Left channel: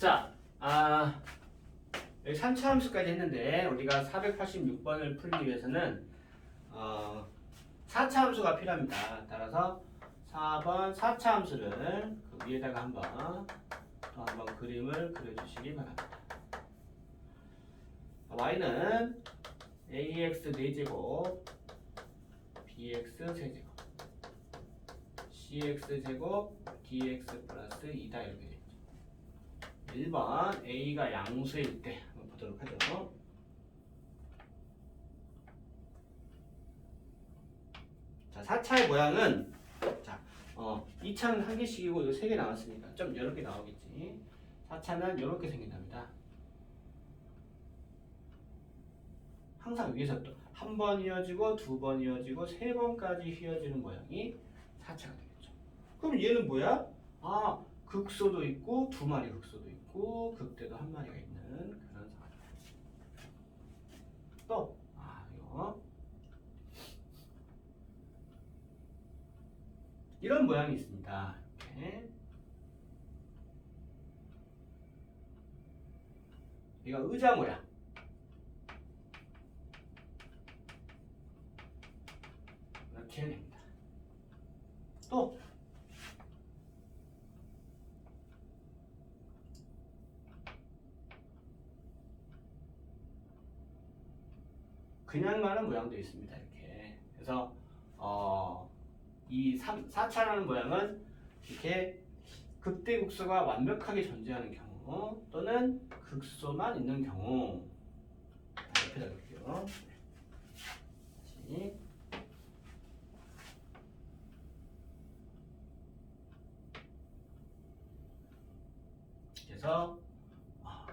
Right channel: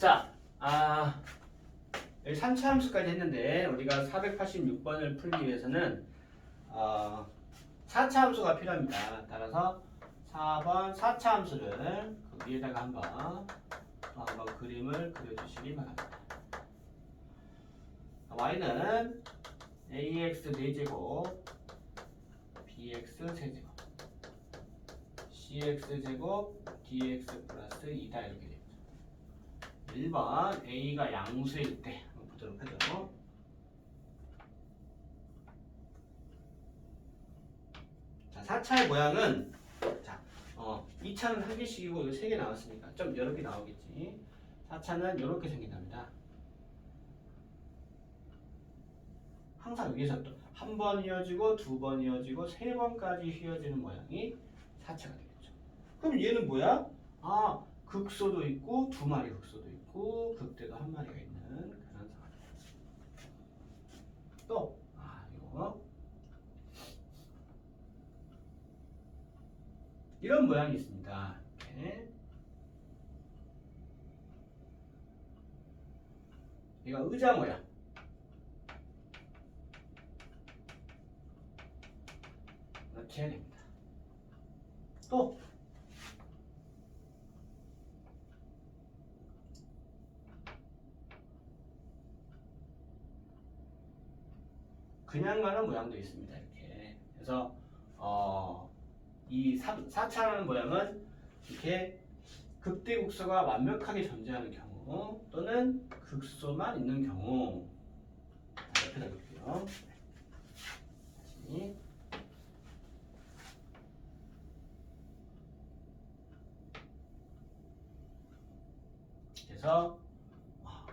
자, 아, 여기 3차 함수까지 했는데 우리가 486번을 풀기 위해서는 어, 4차 함수가 필요합니다. 따라서 4번 4차 함수를 그 위에다가 한번 또 한번 그림을 그려주시기 바랍니다. y는 ax 4제곱 bx 세제곱 cx 제곱 dx 플러스 2다 이렇게. 1번 a가 양수일 때 보도록 하죠. 자, 4차의 모양은 자, 어, 2차는 한 개씩이고 이거 세개 나왔으니까 좀개 나오겠지. 4차는 이렇게 생긴답니다. 항상 위에서 또 한 번 이어지고 두 번 이어지고 세 번까지 휘어지는 모양이 4차가 되겠죠. 그럼 얘는 뭐야? 아, 극소도 있고 두 마리 극소도 있고 극대도 한 마리가 있는 그런 상황. 또, 아, 이거 이런 모양이 있습니다. 이렇게. 이거 의자 모양. 이렇게 됩니다. 또 그냥 가는 모양도 있습니다. 이렇게. 그래서 어, 이 3, 4차라는 모양은 이렇게 극대극소가 완벽하게 존재하는 경우 또는 극소만 있는 경우 옆에다 놓을게요. 네. 다시 그래서 아,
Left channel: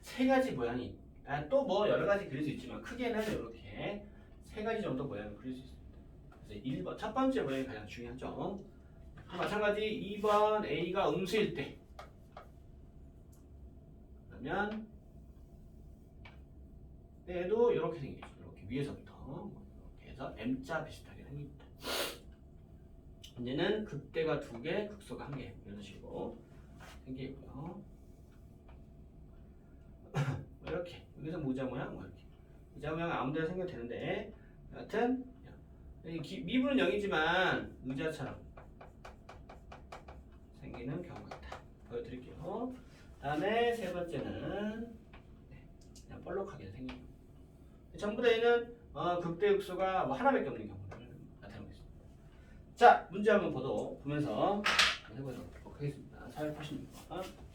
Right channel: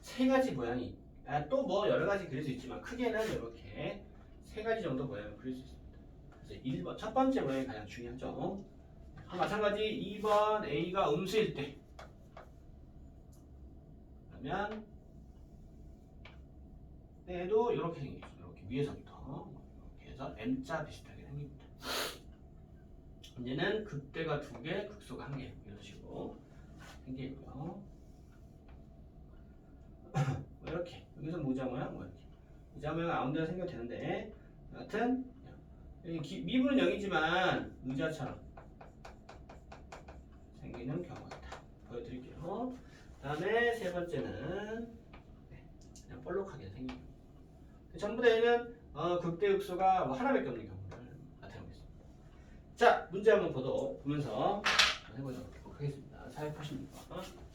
세 가지 모양이 아, 또뭐 여러 가지 그릴 수 있지만 크게는 이렇게 세 가지 정도 모양을 그릴 수 있습니다. 그래서 1번 첫 번째 모양이 가장 중요하죠. 마찬가지 2번 A가 음수일 때 그러면 때도 이렇게 생기죠. 이렇게 위에서부터 이렇게 해서 M자 비슷하게 생깁니다. 이제는 극대가 두 개, 극소가 한 개 이런 식으로 생기고요. 뭐 이렇게 여기서 모자 모양 뭐 이렇게 모자 모양 아무데나 생겨도 되는데 여하튼 미분은 0이지만 의자처럼 생기는 경우가 있다. 보여드릴게요. 다음에 세 번째는 네, 그냥 볼록하게 생기고 전부 다 얘는 어, 극대극소가 뭐 하나밖에 없는 경우를 나타내고 있습니다. 자 문제 한번 보도 보면서 해보도록 하겠습니다. 486번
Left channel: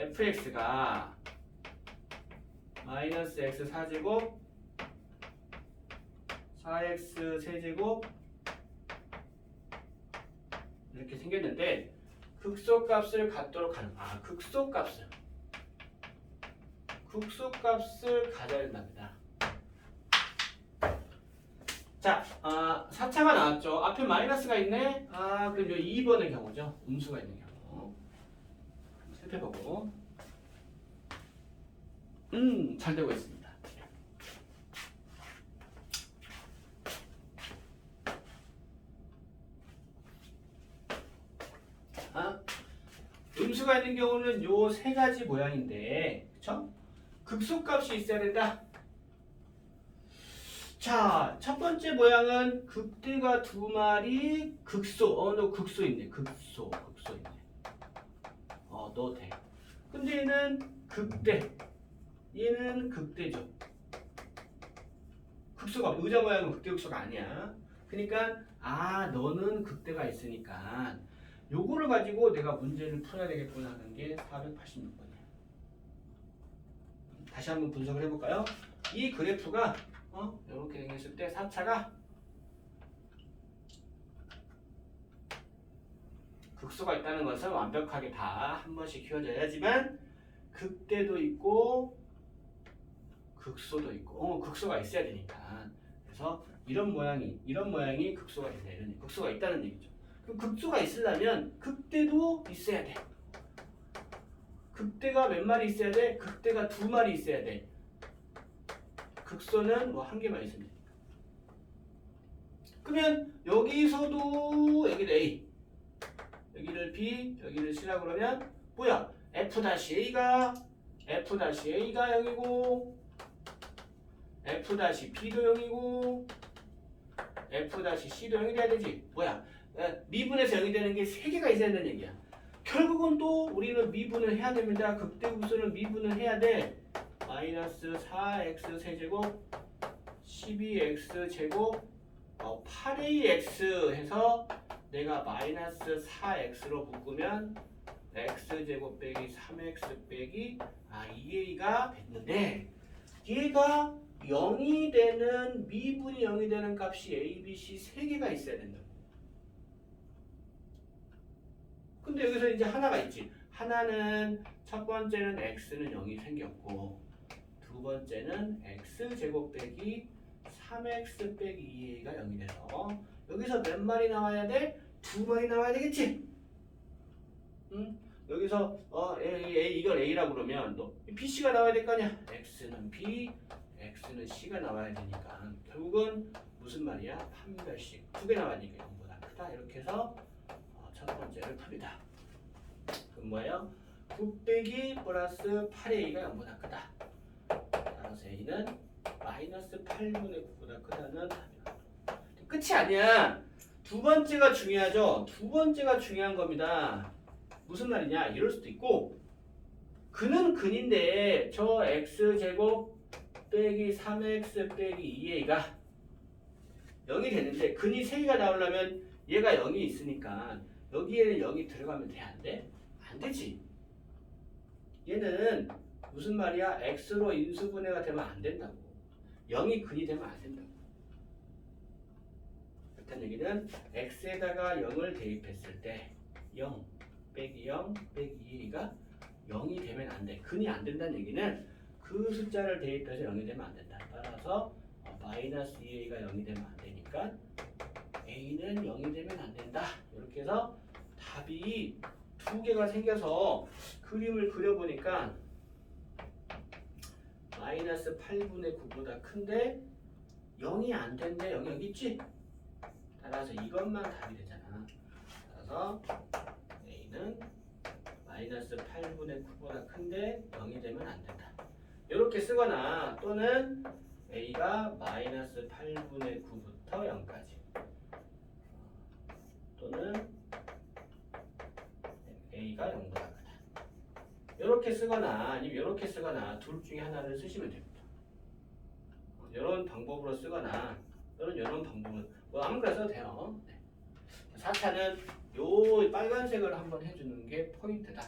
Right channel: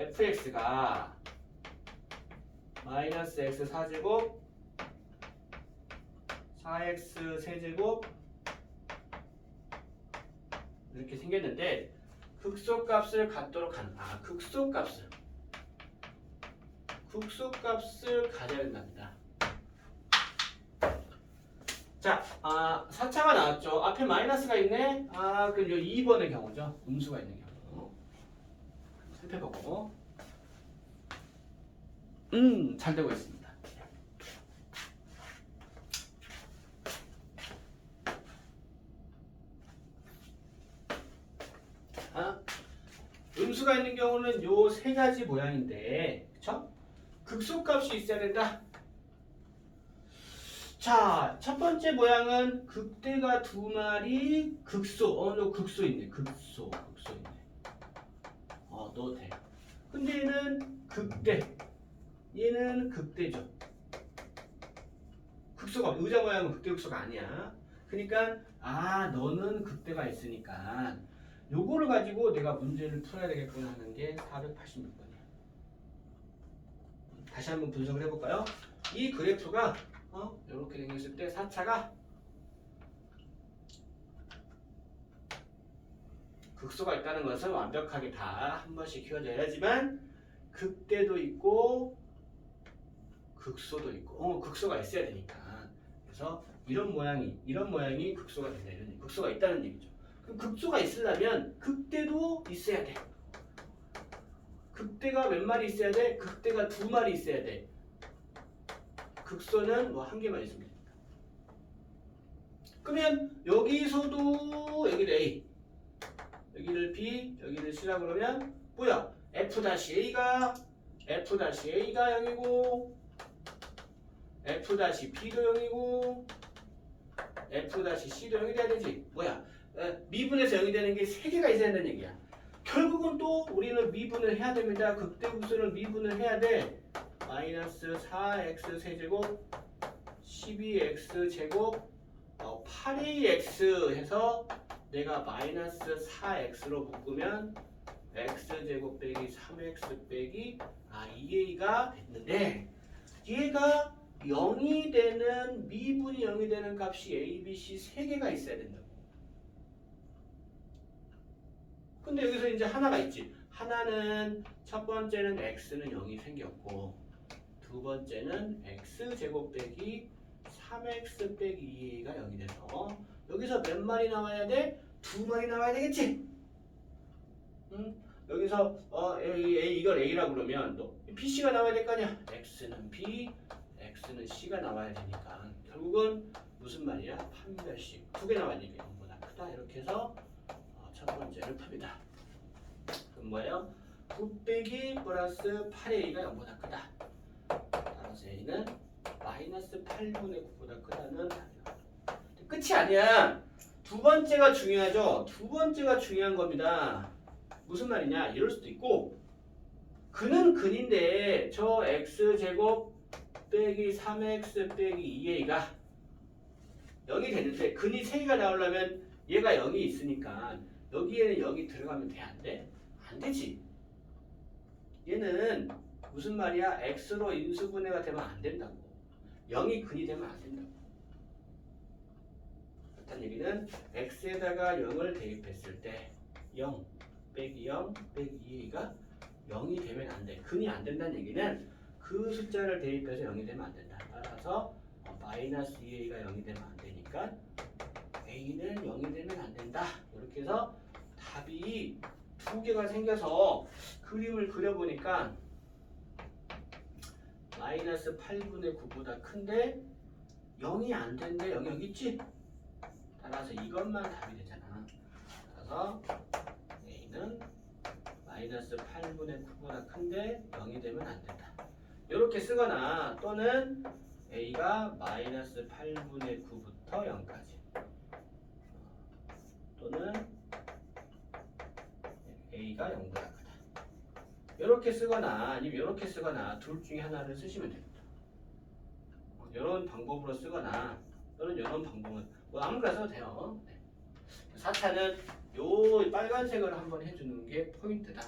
fx가 마이너스 x 4제곱 4x 세제곱 이렇게 생겼는데 극소값을 갖도록 하는 아 극소값을 극소값을 가져야 된답니다. 자, 아, 4차가 나왔죠. 앞에 마이너스가 있네. 아, 그럼 요 2번의 경우죠. 음수가 있는 경우. 살펴보고. 음, 잘 되고 있습니다. 아, 음수가 있는 경우는 요 세 가지 모양인데, 그쵸? 극소값이 있어야 된다. 자, 첫 번째 모양은 극대가 두 마리, 극소. 어, 너 극소 있네. 극소, 극소 있네. 어, 너 돼. 근데 얘는 극대. 얘는 극대죠. 극소가 의자 모양은 극대 극소가 아니야. 그러니까 아 너는 극대가 있으니까 요거를 가지고 내가 문제를 풀어야 되겠구나 하는 게 486번이야. 다시 한번 분석을 해볼까요? 이 그래프가 어 이렇게 생겼을 때 4차가 극소가 있다는 것은 완벽하게 다 한 번씩 키워져야지만 극대도 있고 극소도 있고 어, 극소가 있어야 되니까 그래서 이런 모양이 이런 모양이 극소가 된다 이런 극소가 있다는 얘기죠. 그럼 극소가 있으려면 극대도 있어야 돼. 극대가 몇 마리 있어야 돼? 극대가 두 마리 있어야 돼. 극소는 뭐 한 개만 있으면 되니까. 그러면 여기서도 여기를 A, 여기를 B, 여기를 C라 그러면 뭐야? F-A가 F-A가 0이고 F-B도 0이고 F-C도 0이 돼야 되지. 뭐야? 에, 미분에서 0이 되는 게세 개가 있어야 된다는 얘기야. 결국은 또 우리는 미분을 해야 됩니다. 극대국수는 미분을 해야 돼. 마이너스 4x 세제곱 12x 제곱 어, 8ax 해서 내가 마이너스 4x로 묶으면 x 제곱 빼기 3x 빼기 아 2a가 됐는데 얘가 0이 되는 미분이 0이 되는 값이 a, b, c 세 개가 있어야 된다고. 근데 여기서 이제 하나가 있지. 하나는 첫 번째는 x는 0이 생겼고 두 번째는 x 제곱 빼기 3x 빼기 2a가 0이 돼서 여기서 몇 마리 나와야 돼? 두 마리 나와야 되겠지? 응? 여기서 어 A, A 이걸 A라고 그러면 너 BC가 나와야 될 거 아니야? X는 B, X는 C가 나와야 되니까 결국은 무슨 말이야? 판별식 두개 나왔으니까 0보다 크다 이렇게 해서 어, 첫 번째를 풉니다. 그럼 뭐예요? 9 빼기 플러스 8A가 0보다 크다. 따라서 A는 마이너스 8분의 9보다 크다는 답이야. 끝이 아니야. 두 번째가 중요하죠. 두 번째가 중요한 겁니다. 무슨 말이냐? 이럴 수도 있고 근은 근인데 저 x 제곱 빼기 3x 빼기 2a가 0이 되는데 근이 3개가 나오려면 얘가 0이 있으니까 여기에는 0이 들어가면 돼? 안 돼? 안 되지. 얘는 무슨 말이야? x로 인수분해가 되면 안 된다고. 0이 근이 되면 안 된다고. 그렇다는 얘기는 x에다가 0을 대입했을 때 0, 빼기 0, 빼기 2가 0이 되면 안 돼. 근이 안 된다는 얘기는 그 숫자를 대입해서 0이 되면 안 된다. 따라서 어, 마이너스 2a가 0이 되면 안 되니까 a는 0이 되면 안 된다. 이렇게 해서 답이 두 개가 생겨서 그림을 그려보니까 마이너스 8분의 9보다 큰데 0이 안 된대. 0이 여기 있지? 따라서 이것만 답이 되잖아. 따라서 a는 마이너스 8분의 9보다 큰데 0이 되면 안 된다. 이렇게 쓰거나 또는 a가 마이너스 8분의 9부터 0까지 또는 a가 0보다 크다. 이렇게 쓰거나 아니면 이렇게 쓰거나 둘 중에 하나를 쓰시면 됩니다. 이런 방법으로 쓰거나 또는 이런 방법으로 뭐 아무거나 써도 돼요. 네. 4차는 요 빨간색으로 한번 해주는 게 포인트다.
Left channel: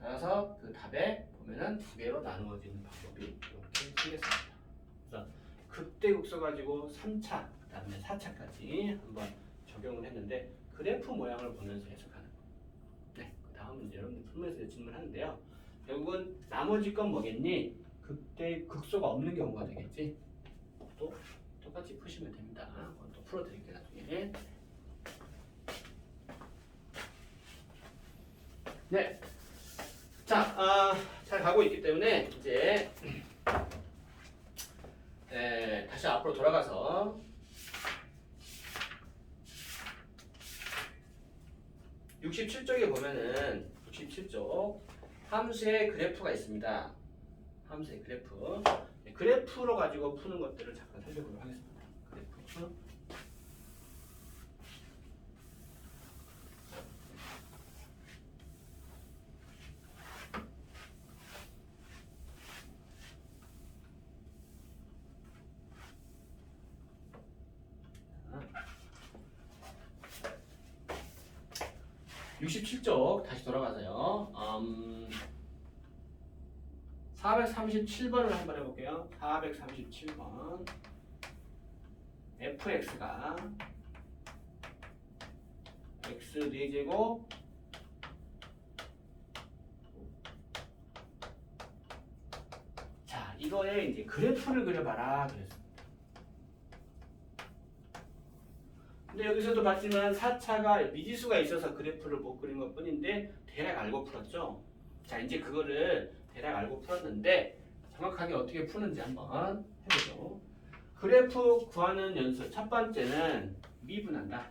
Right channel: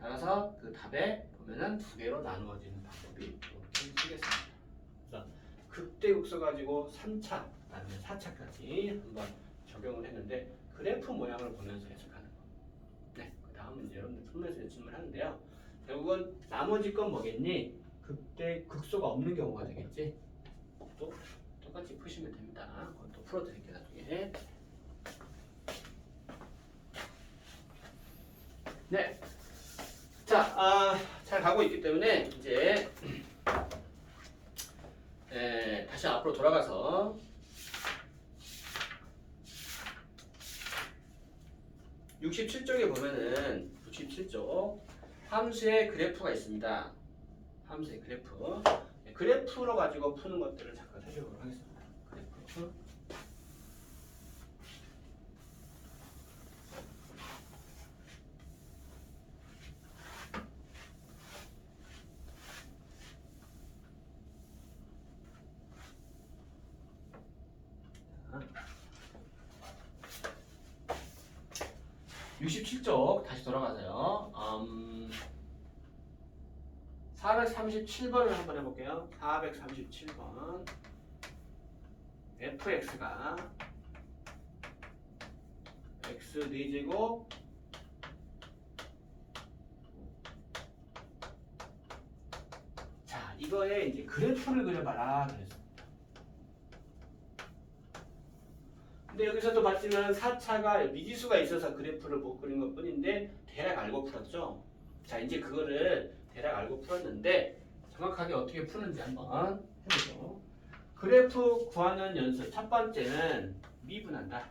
따라서 그 답에 보면은 두 개로 나누어지는 방법이 이렇게 쓰겠습니다. 그래서 극대 국소 가지고 3차, 그다음에 4차까지 한번 적용을 했는데 그래프 모양을 보면서 해석하는 거. 네, 그 다음은 여러분들 풀면서 질문하는데요. 결국은 나머지 건 뭐겠니? 극대 극소가 없는 경우가 되겠지. 또 똑같이 푸시면 됩니다. 풀어드릴게요 나중에. 네. 자, 아, 잘 가고 있기 때문에 이제 에, 다시 앞으로 돌아가서 (67쪽에) 보면은 (97쪽) 함수의 그래프가 있습니다 함수의 그래프 네, 그래프로 가지고 푸는 것들을 잠깐 살펴보도록 하겠습니다 그래프 육십칠 쪽 다시 돌아가서요. 음, 437번을 한번 해볼게요. 437번. fx가 x 4제곱 자, 이거에 이제 그래프를 그려봐라 그랬어. 근데 여기서도 봤지만 4차가 미지수가 있어서 그래프를 못 그린 것 뿐인데 대략 알고 풀었죠. 자 이제 그거를 대략 알고 풀었는데 정확하게 어떻게 푸는지 한번 해보죠. 그래프 구하는 연습 첫 번째는 미분한다.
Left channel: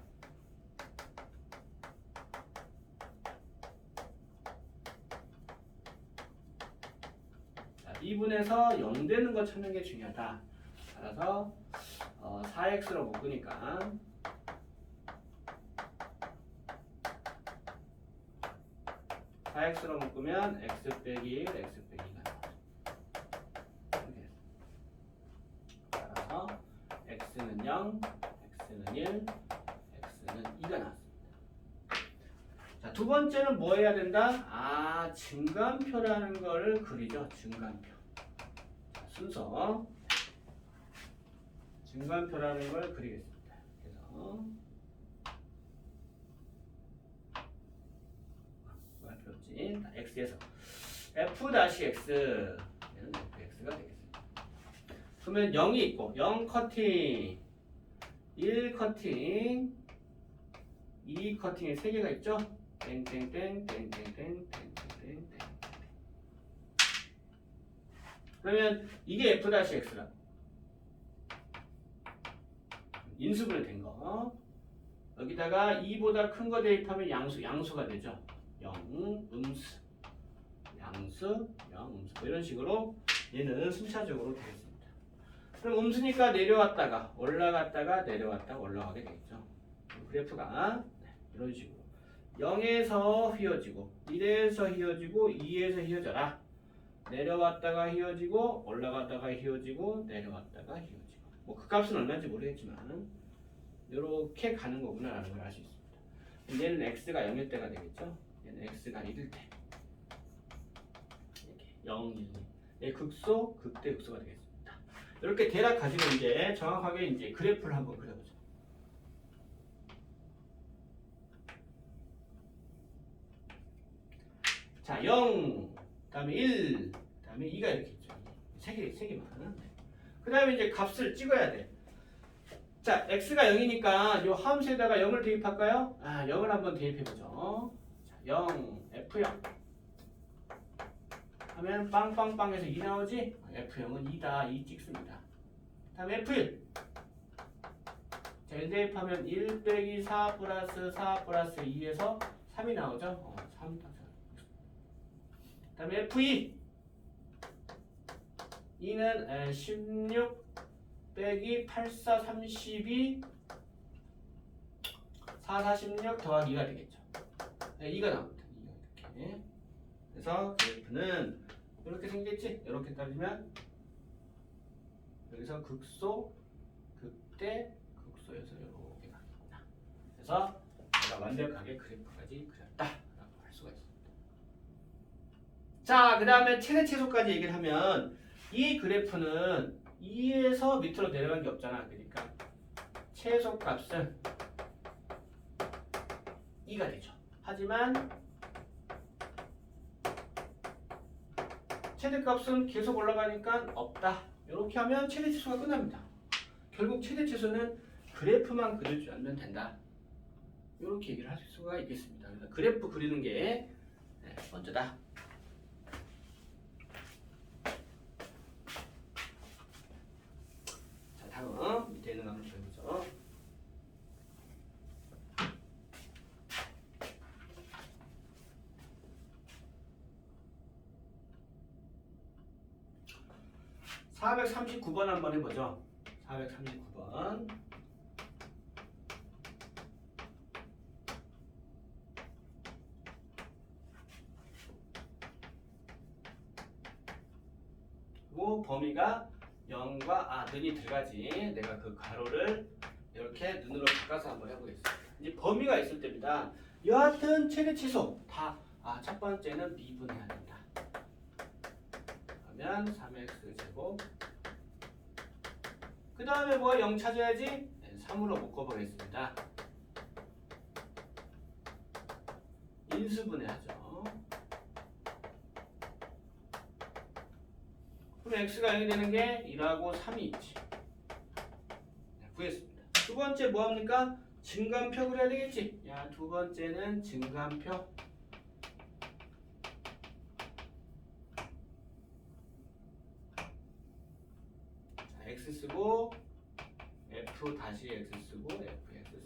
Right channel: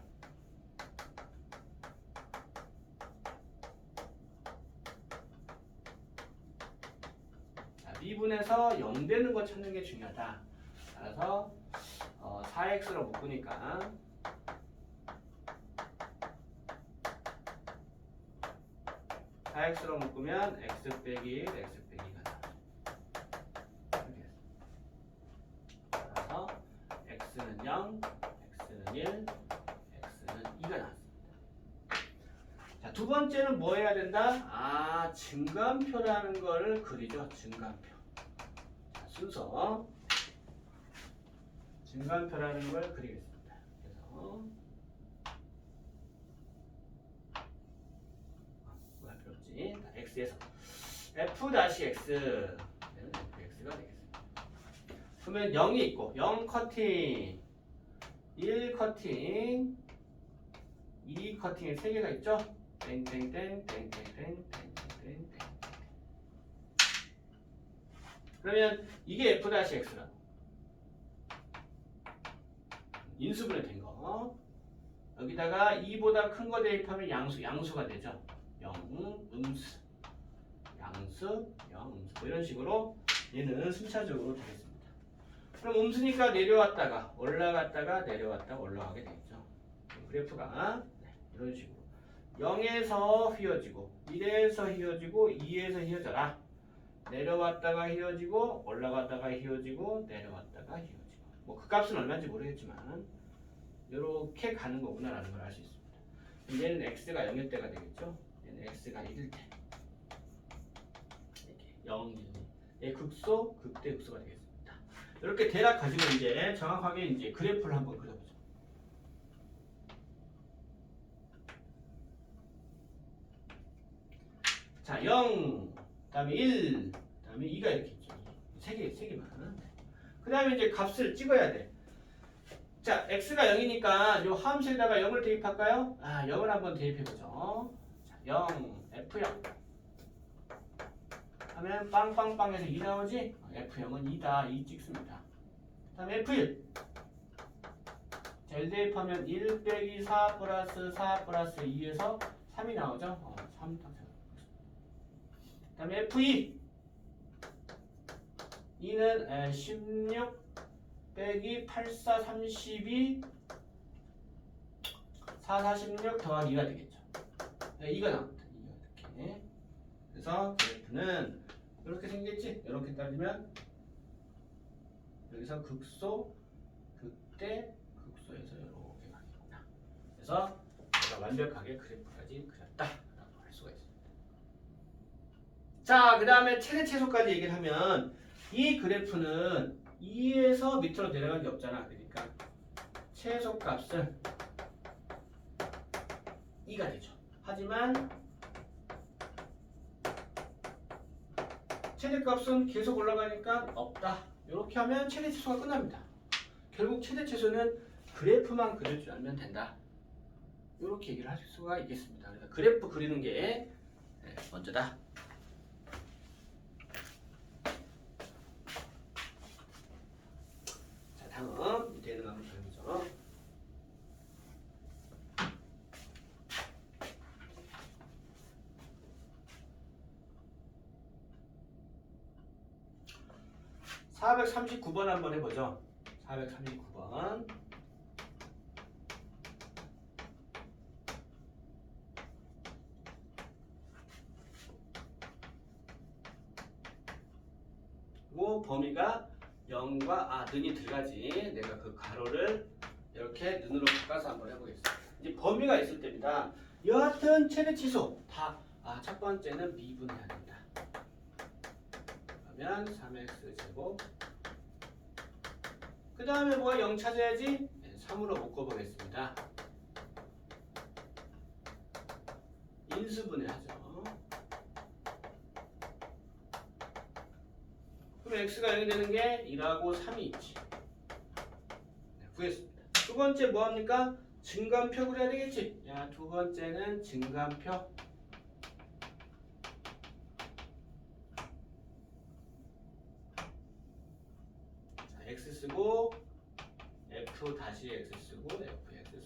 자, 미분해서 0 되는 거 찾는 게 중요하다. 따라서 어, 4x로 묶으니까 4x로 묶으면 x 빼기 1, x 빼기 2가 나와요. 이렇게 따라서 x는 0, x는 1, x는 2가 나왔습니다. 자, 두 번째는 뭐 해야 된다? 아, 증감표라는 걸 그리죠. 증감표. 자, 순서. 증감표라는 걸 그리겠습니다. 그래서 자, x에서 f 다시 x 얘는 fx가 되겠습니다. 그러면 0이 있고 0 커팅 1 커팅 2 커팅에 3개가 있죠? 땡땡땡 땡땡땡 땡땡땡 그러면 이게 f 다시 x라 인수분해 된 거. 여기다가 2보다 큰 거 대입하면 양수, 양수가 되죠. 0, 음수. 양수, 0, 음수. 이런 식으로 얘는 순차적으로 되겠습니다. 그럼 음수니까 내려왔다가 올라갔다가 내려왔다가 올라가게 되겠죠. 그래프가 네, 이런 식으로 0에서 휘어지고 1에서 휘어지고 2에서 휘어져라. 내려왔다가 휘어지고 올라갔다가 휘어지고 내려왔다가 휘어지고 뭐 그 값은 얼마인지 모르겠지만 이렇게 가는 거구나 라는 걸 알 수 있습니다. 얘는 x가 0일 때가 되겠죠. X가 1일 때 이렇게 0, 1, 2. 얘 극소, 극대, 극소가 되겠습니다. 이렇게 대략 가지고 이제 정확하게 이제 그래프를 한번 그려보죠. 자, 0, 그다음에 1, 그다음에 2가 이렇게 있죠. 세 개, 세 개만. 그 다음에 이제 값을 찍어야 돼. 자, x가 0이니까 요 함수에다가 0을 대입할까요? 아, 0을 한번 대입해 보죠. 자, 0, f0. 하면 빵빵빵에서 2 나오지? f0은 2다, 2 찍습니다. 그 다음에 f1. 자, 1 대입하면 1 빼기 4 플러스 4 플러스 2에서 3이 나오죠? 어, 3. 그 다음에 f2. 2는 16 빼기 84 32 4 46 더하기 2가 되겠죠. 네, 2가 나옵니다. 2가 이렇게. 그래서 그래프는 이렇게 생겼지? 이렇게 따지면 여기서 극소, 극대, 극소에서 이렇게 가겠구나. 그래서 내가 완벽하게 그래프까지 그렸다라고 할 수가 있습니다. 자, 그 다음에 최대 최소까지 얘기를 하면 이 그래프는 2에서 밑으로 내려간 게 없잖아. 그러니까 최소값은 2가 되죠. 하지만 최대값은 계속 올라가니까 없다. 이렇게 하면 최대 최소가 끝납니다. 결국 최대 최소는 그래프만 그려주면 된다. 이렇게 얘기를 할 수가 있겠습니다. 그래서 그래프 그리는 게 네, 먼저다. 자, 다음 밑에 있는 거 한번 보여보죠. (439번) 한번 해보죠. (439번) 고 범위가 0과 아 눈이 들어가지. 내가 그 가로를 이렇게 눈으로 바꿔서 한번 해보겠습니다. 이제 범위가 있을 때입니다. 여하튼 최대 치수. 다아 첫 번째는 미분해야 된다. 그러면 3x 제곱 그 다음에 뭐가 0 찾아야지 네, 3으로 묶어보겠습니다 인수분해하죠 그럼 x가 0이 되는 게 1하고 3이 있지. 네, 구했습니다. 두 번째 뭐 합니까? 증감표 그려야 되겠지. 야, 두 번째는 증감표. 자, x 쓰고 다시 x 쓰고 fx 쓰고.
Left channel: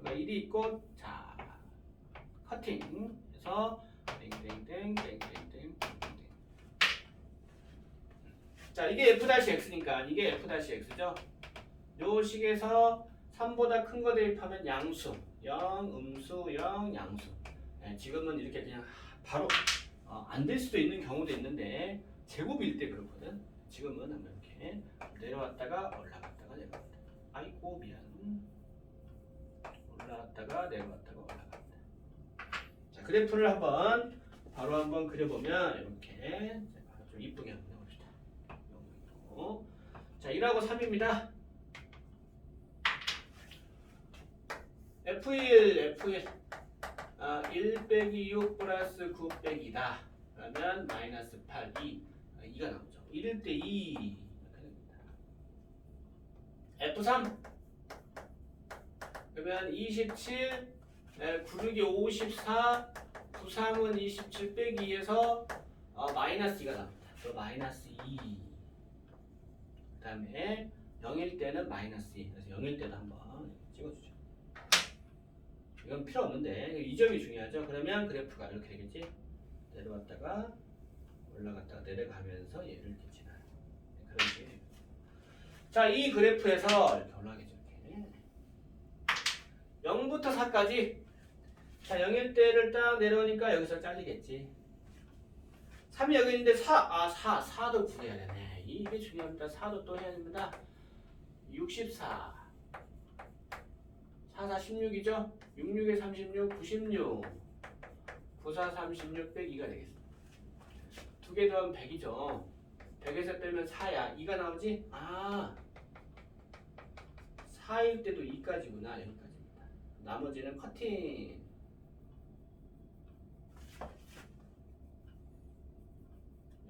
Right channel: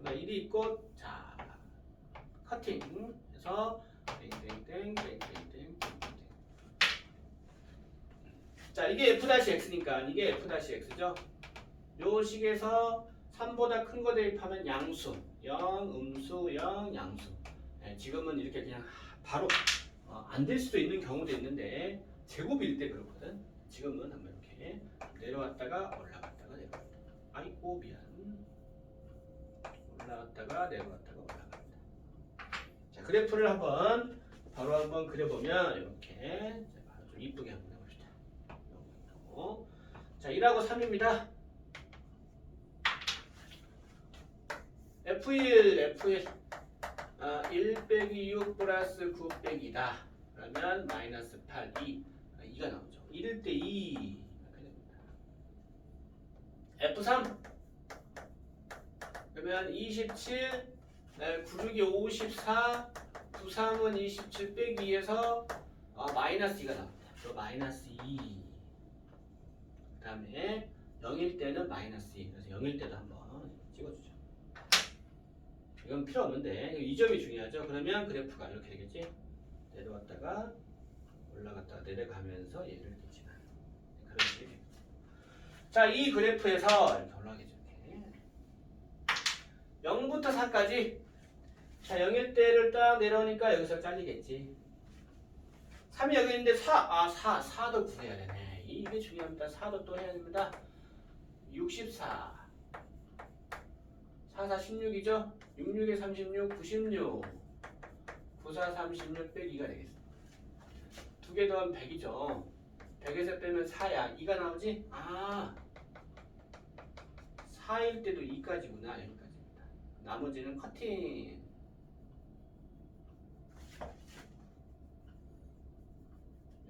그러니까 1이 있고 자 커팅 해서 땡땡땡땡땡땡땡 자 이게 f-x니까 이게 f-x죠? 요 식에서 3보다 큰 거 대입하면 양수. 0 음수 0 양수. 네, 지금은 이렇게 그냥 바로 어, 안될 수도 있는 경우도 있는데 제곱일 때 그렇거든. 지금은 한번 이렇게 내려왔다가 내려왔다 미안 올라갔다가 내려왔다가 올라갔다. 자 그래프를 한번 바로 한번 그려보면 이렇게 자, 좀 이쁘게 한번 해봅시다. 자 1하고 3입니다. F1 F1 아, 1 빼기 6 플러스 9 빼기 2다. 그러면 마이너스 8 2 아, 2가 나오죠. 1 대2 이렇게 됩니다 F3 그러면 27 96이 54 93은 27 빼기 2에서 어, 마이너스 2가 나옵니다. 또 마이너스 2 그 다음에 0일 때는 마이너스 2 그래서 0일 때도 한번 찍어주죠. 이건 필요 없는데 이 점이 중요하죠. 그러면 그래프가 이렇게 되겠지? 내려왔다가 올라갔다가 내려가면서 얘를 이렇게 지나요. 네, 그런 식이 됩니다 자 이 그래프에서 이렇게 올라가겠죠 이렇게? 0부터 4까지. 자 0일 때를 딱 내려오니까 여기서 잘리겠지. 3이 여기 있는데 4, 아 4, 4도 구해야 되네. 이게 중요합니다. 4도 또 해야 됩니다. 64 4, 4, 16이죠? 66에 36, 96 94, 36 빼기가 되겠습니다. 두개 더하면 100이죠. 100에서 빼면 4야 2가 나오지? 아 4일 때도 2까지구나 여기까지입니다. 나머지는 커팅.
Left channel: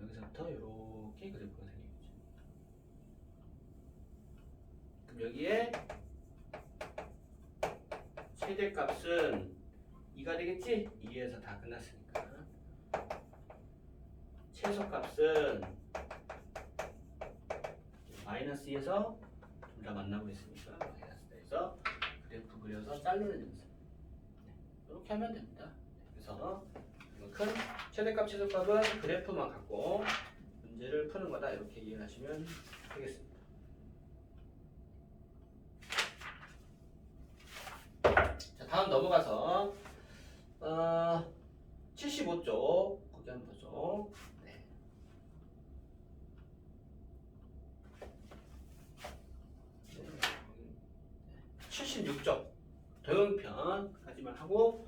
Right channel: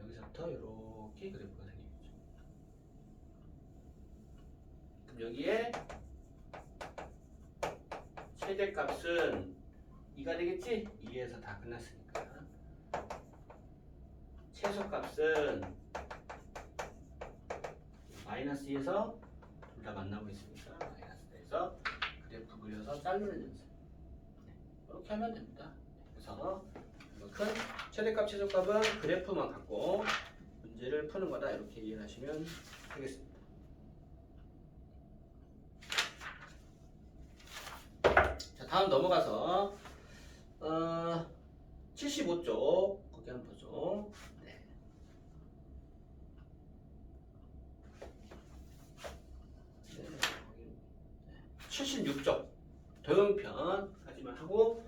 여기서부터 이렇게 그래프가 생기겠죠. 그럼 여기에 최대값은 2가 되겠지? 2에서 다 끝났으니까. 최소값은 마이너스 2에서 둘 다 만나고 4에서 그려서 자르는 연습 네, 이렇게 하면 됩니다 그래서 이만큼 최대값 최소값은 그래프만 갖고 문제를 푸는 거다 이렇게 이해하시면 되겠습니다 자 다음 넘어가서 어, 75쪽 거기 한번 보죠. 네. 네. 76쪽 도형편 까지만 하고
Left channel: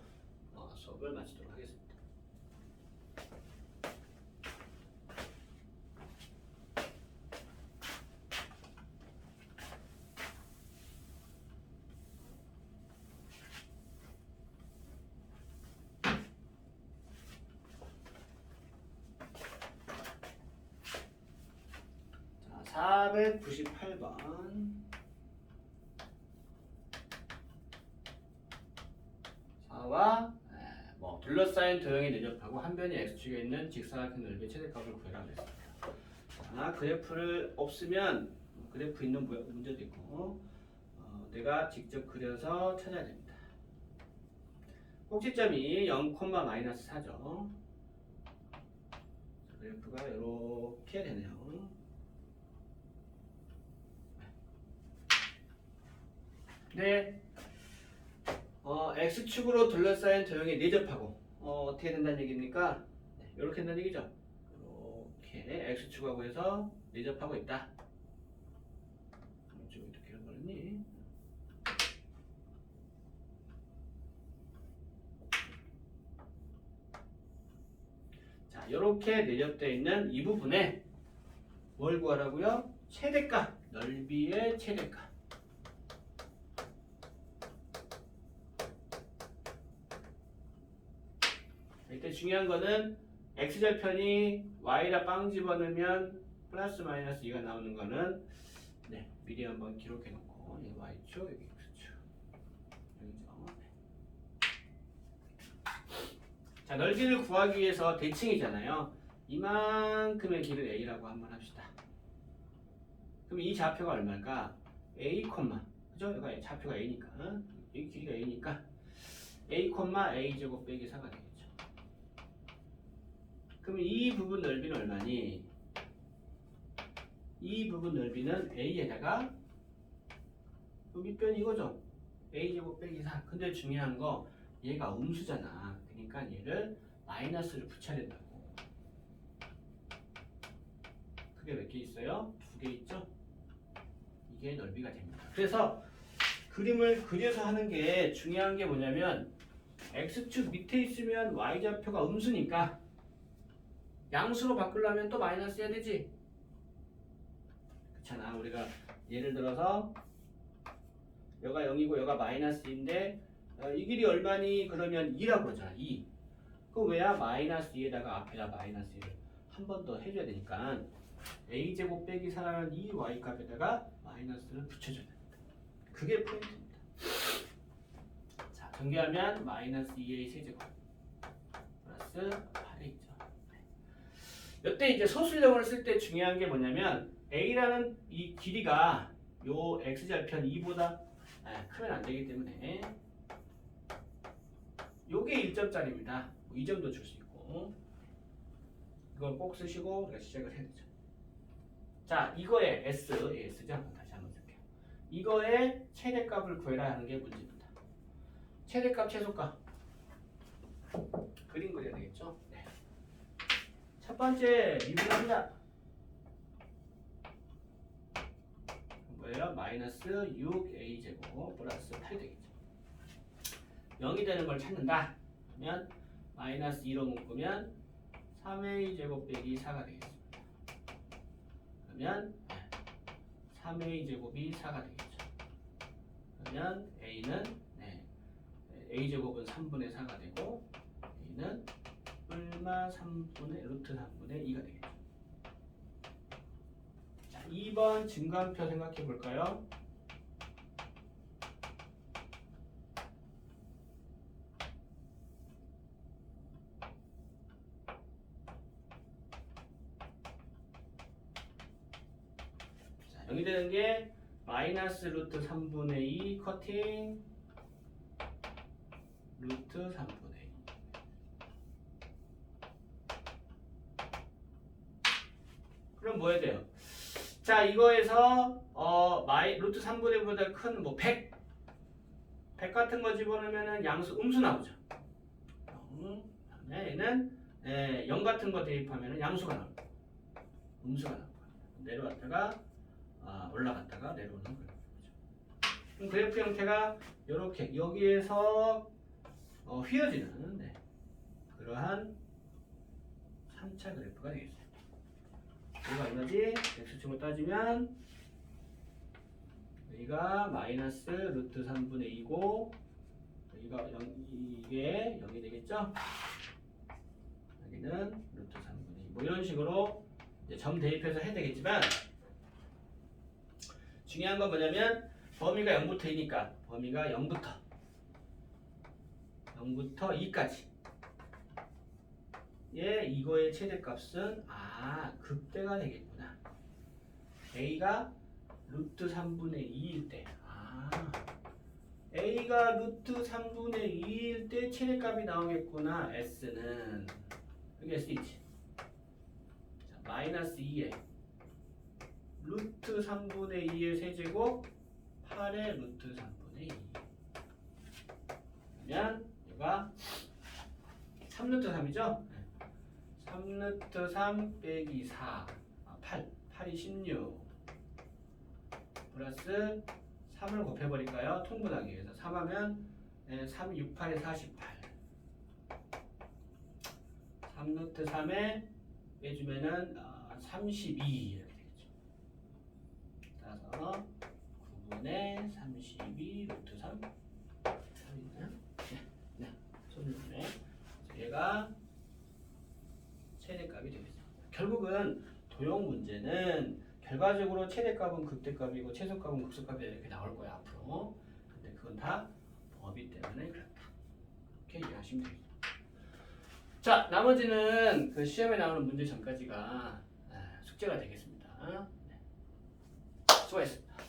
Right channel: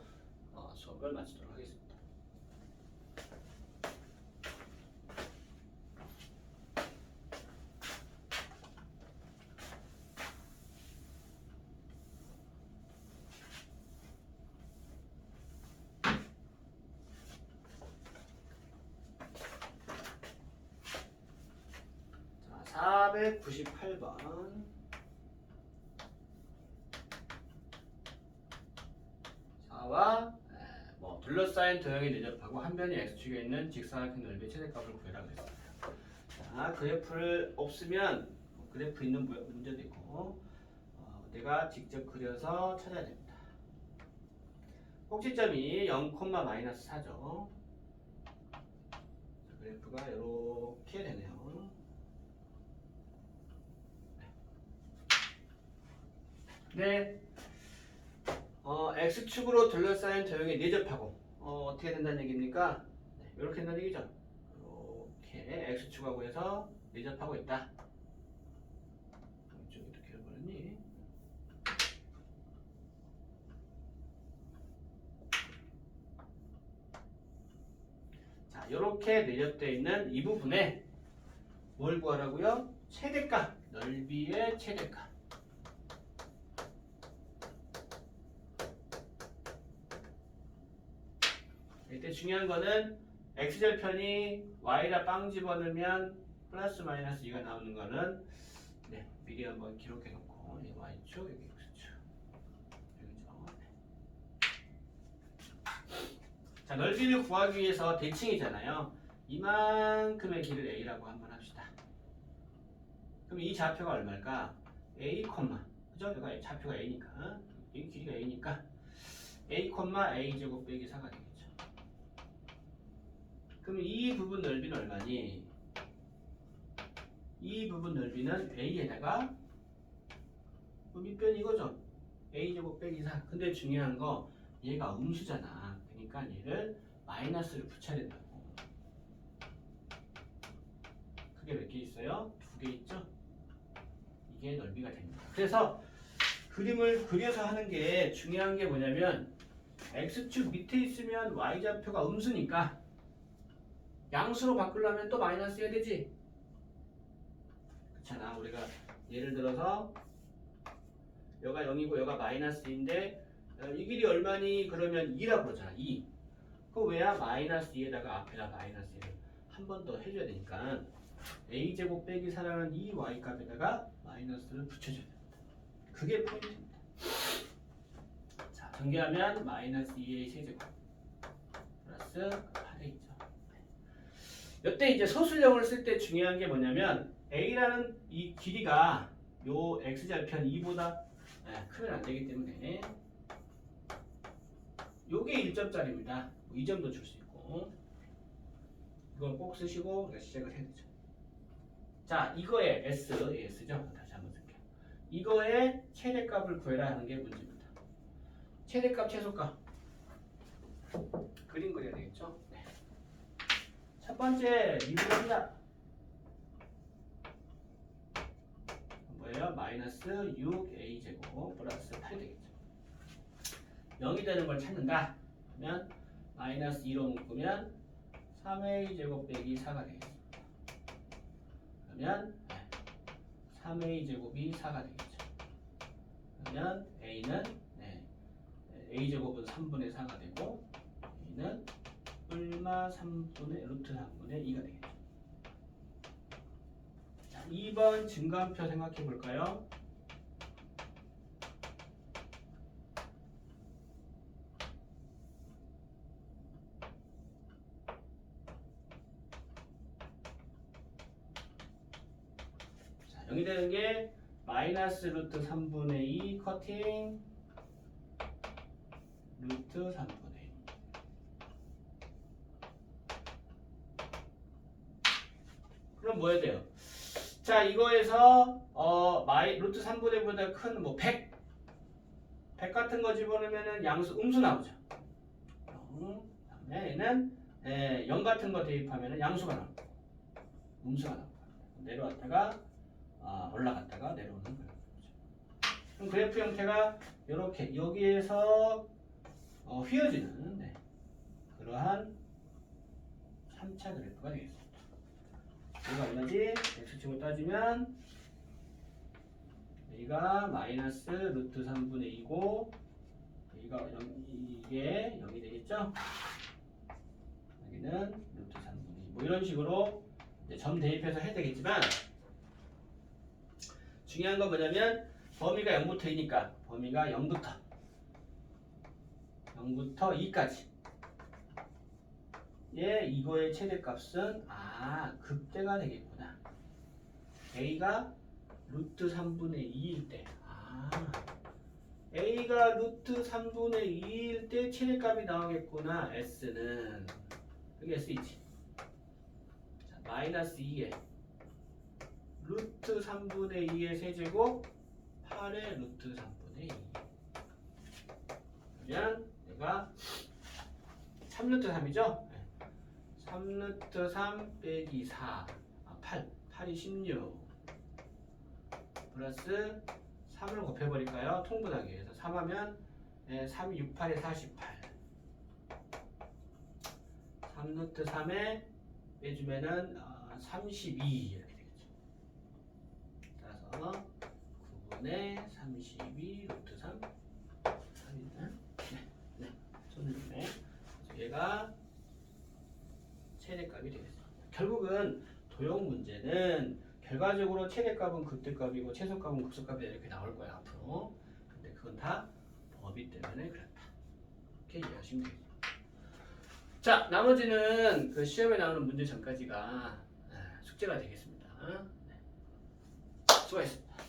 어, 수업을 마치도록 하겠습니다. 자, 498번. 4와 뭐 둘러싸인 도형이 내접하고 한 변이 x축에 있는 직사각형 넓이의 최대값을 구해라 그랬습니다. 자, 그래프를 없으면 뭐 그래프 있는 무- 문제도 있고 어, 내가 직접 그려서 찾아야 됩니다. 꼭지점이 0, 마이너스 4죠. 그래프가 이렇게 되네요. 네. 어, x축으로 둘러싸인 도형에 내접하고 어, 어떻게 된다는 얘기입니까? 네, 이렇게 된다는 얘기죠. 이렇게 x축하고 해서 내접하고 있다. 이쪽이 이렇게 해버렸니? 자, 이렇게 내접되어 있는 이 부분에 뭘 구하라고요? 최대값, 넓이의 최대값. 이때 중요한 거는 x절편이 y에다 빵 집어넣으면 플러스 마이너스 2가 나오는 거는 네, 미리 한번 기록해 놓고 이 y축 여기 x축 여기죠. 네. 자 넓이를 구하기 위해서 대칭이잖아요. 이만큼의 길을 a라고 한번 합시다. 그럼 이 좌표가 얼마일까? a, 그죠? 여기가 좌표가 a니까 여기 길이가 a니까 a, a 제곱 빼기 4가 되겠죠. 그럼 이 부분 넓이는 얼마니? 이 부분 넓이는 a에다가 그 밑변 이거죠. a 제곱 빼기 4. 근데 중요한 거 얘가 음수잖아. 그러니까 얘를 마이너스를 붙여야 된다고. 그게 몇 개 있어요? 두 개 있죠? 이게 넓이가 됩니다. 그래서 그림을 그려서 하는 게 중요한 게 뭐냐면 x축 밑에 있으면 y좌표가 음수니까 양수로 바꾸려면 또 마이너스 해야 되지. 그렇잖아. 우리가 예를 들어서 여가 0이고 여가 마이너스인데 어, 이 길이 얼마니? 그러면 2라고 그러잖아. 2. 그 왜야? 마이너스 2에다가 앞에다 마이너스 1을 한 번 더 해줘야 되니까 a제곱 빼기 4라는 이 y 값에다가 마이너스를 붙여줘야 됩니다. 그게 포인트입니다. 자, 전개하면 마이너스 2a 세제곱 플러스 8에 있죠. 이때 이제 소수령을 쓸 때 중요한 게 뭐냐면 a라는 이 길이가 요 x좌편 2보다 크면 안 되기 때문에 요게 1점짜리입니다. 2점도 줄 수 있고 이건 꼭 쓰시고 시작을 해야 되죠. 자, 이거의 S, S죠? 다시 한번 쓸게요. 이거의 최대값을 구해라 하는 게 문제입니다. 최대값, 최소값. 그림 그려야 되겠죠? 네. 첫 번째 미분합니다. 뭐예요? 마이너스 6a 제곱 플러스 8이 되겠죠. 0이 되는 걸 찾는다. 그러면 마이너스 2로 묶으면 3a 제곱 빼기 4가 되겠습니다. 그러면 3a 제곱이 4가 되겠죠. 그러면 a는 네, a 제곱은 3분의 4가 되고 a는 얼마 3분의 루트 3분의 2가 되겠죠. 자, 2번 증가표 생각해 볼까요? 자, 0이 되는 게 마이너스 루트 3분의 2 커팅 루트 3분의 2 뭐 해야 돼요? 자 이거에서 어 마이 루트 3분의 보다 큰 뭐 100, 100 같은 거 집어넣으면은 양수 음수 나오죠. 0, 그다음에 얘는 에, 0 같은 거 대입하면은 양수가 나옵니다. 음수가 나옵니다. 내려왔다가 아, 올라갔다가 내려오는 그래프죠. 그럼 그래프 형태가 이렇게 여기에서 어, 휘어지는 네, 그러한 3차 그래프가 되겠습니다. 이거 얼마지? x축을 따지면 여기가 마이너스 루트 3분의 2고 여기가 0, 이게 0이 되겠죠? 여기는 루트 3분의 2. 뭐 이런 식으로 점 대입해서 해야 되겠지만 중요한 건 뭐냐면 범위가 0부터 2니까 범위가 0부터 0부터 2까지 예, 이거의 최대값은 아 극대가 되겠구나. a가 루트 3분의 2일 때, 아 a가 루트 3분의 2일 때 최대값이 나오겠구나. s는 여기 s 있지. 자, 마이너스 2에 루트 3분의 2의 세제곱 8의 루트 3분의 2. 그러면 얘가 3루트 3이죠? 3루트 3 빼기 4 아, 8 8이 16 플러스 3을 곱해버릴까요? 통분하기 위해서. 3하면 3, 6, 8에 48 3루트 3에 빼주면은 어, 32 이렇게 되겠죠. 따라서 9분의 32 루트 3 3이는 네, 네, 손을 네. 얘가 최대값이 되겠습니다. 결국은 도형 문제는 결과적으로 최대값은 극대값이고 최소값은 극소값이 이렇게 나올 거야 앞으로. 근데 그건 다 법이 때문에 그렇다. 이렇게 이해하시면 되겠습니다. 자, 나머지는 그 시험에 나오는 문제 전까지가 아, 숙제가 되겠습니다. 네. 수고했습니다.